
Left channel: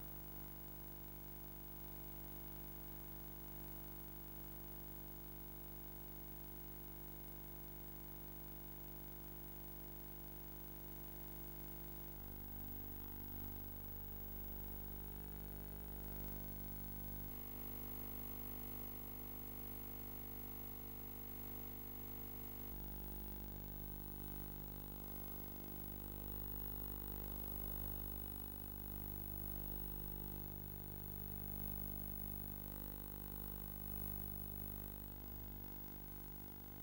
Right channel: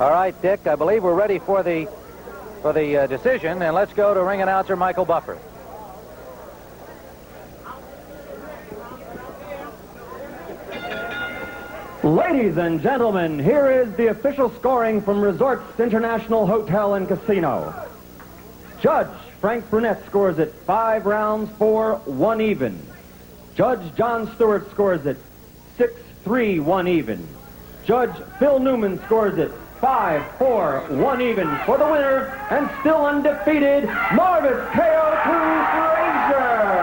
All right, Dick, I believe we're ready for the decision. And let's go to ring announcer Michael Buffer. Ladies and gentlemen, here is the official scoring from Resorts International Hotel and Casino. Judge Frank Brunette scores it 5 rounds for 1 even. Judge John Stewart scores it 6-3, 1 even. Judge Phil Newman scores it 5-4, 1 even for the winner, and still undefeated, Marvis KO2 Frazier.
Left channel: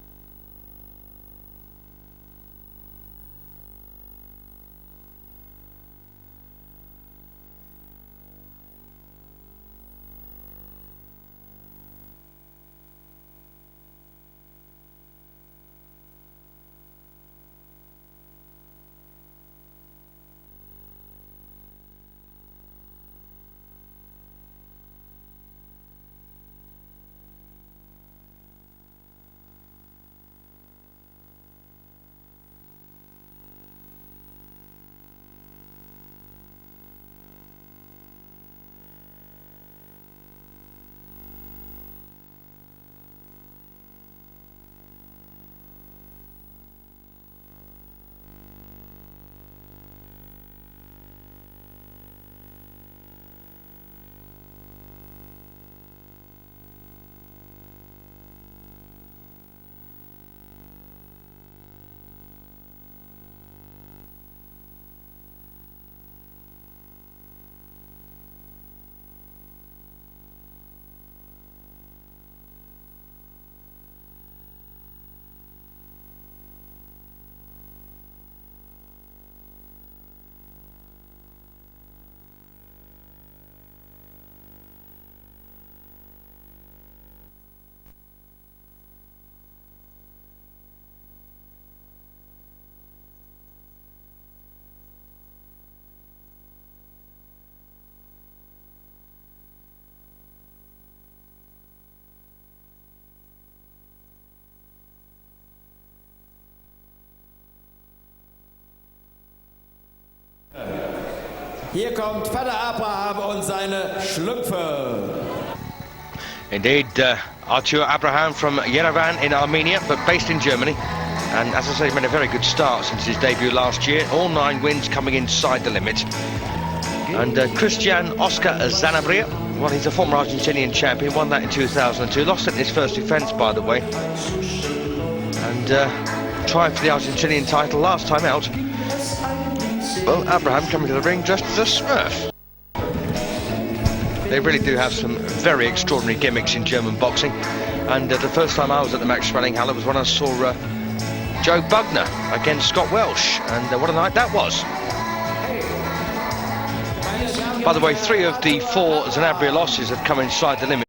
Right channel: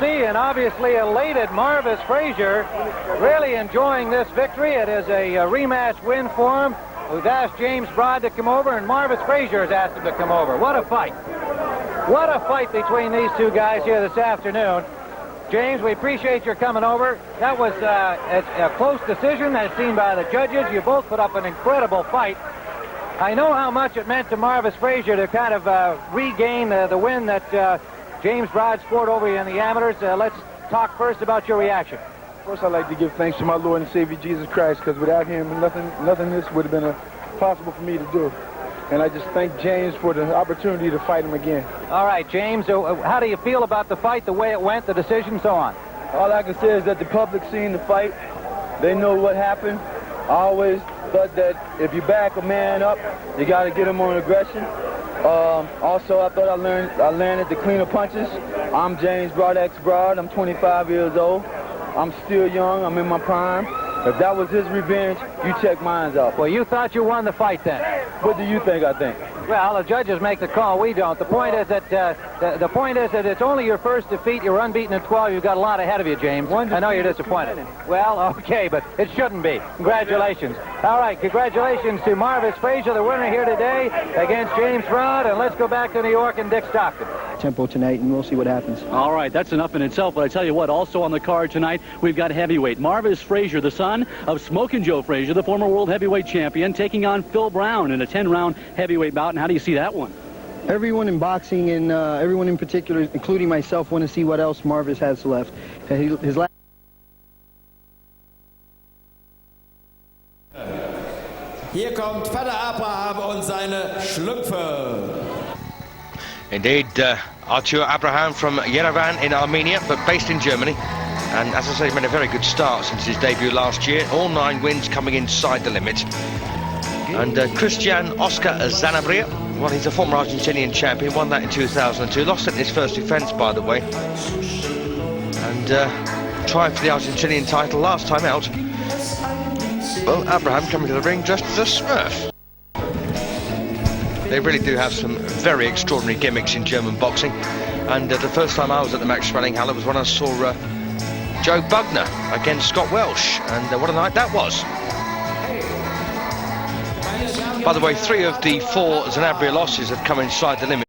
See, and obviously elated Marvis Frazier, really enjoying this victory. It is a rematch win for him. We've asked James Broad to come over, and Marvis Frazier has asked him to come over. What a fight. What a fight between these two guys here this afternoon. James, we appreciate your coming over. That was a close decision as seen by the judges. You both put up an incredible fight. I know how much it meant to Marvis Frazier to kind of regain the win that James Broad scored over you in the amateurs. Let's talk first about your reaction. First, I'd like to give thanks to my Lord and Savior, Jesus Christ, because without him, nothing this would have been possible for me to do. And I just thank James for the opportunity to fight him again. All right, James, how do you feel about the fight, the way it went, the decision, so on? All I can say is that the public seen the fight. They know what happened. I always thought that if you back a man up, you got to get him on aggression. Also, I thought I landed the cleaner punches. I'm James Broad, ex-Broad. I'm 25 years old. I'm still young. I'm in my prime. If that was his revenge, you check mine out. Well, you thought you won the fight then. What do you think I think? Well, the judges make the call. We don't. The point is that the point is that it's only your first defeat. You're unbeaten at 12. You've got a lot ahead of you, James. I know you're disappointed. Well, okay, but it shouldn't be. Congratulations. All right, congratulations to Marvis Frazier, the winner here today against James Brown. And let's go back to New York and Dick Stockton. Tempo tonight, and we'll see what happens. All right, that's enough in itself. But I tell you what, also on the card tonight, we've got heavyweight Marvis Frazier, the son of Smokin' Joe Frazier, the former world heavyweight champion, taking on Phil Brown in a 10-round heavyweight bout. And how do you see that one? Everyone in boxing, and everyone in particular, including myself, want to see what else Marvis has left. His last. Hier kommt Vater Abraham und seine Schlümpfe. Indeed, Artur Abraham from Yerevan in Armenia, but based in Germany. And as I say, he's made a very good start since his debut last year. All 9 wins coming inside the limit. And Christian Oscar Zanabria, well, he's a former Argentinian champion, won that in 2002. Lost it in his first defence, by the way. And tried for the Argentinian title last time out. Well, Abraham coming to the ring dressed as a Smurf. They really do have some very extraordinary gimmicks in German boxing. And the first time I was at the Max Schmeling was when I saw Joe Bugner against Scott Welsh. And what a night that was. By the way, 3 of the 4 Zanabria losses have come inside the limit.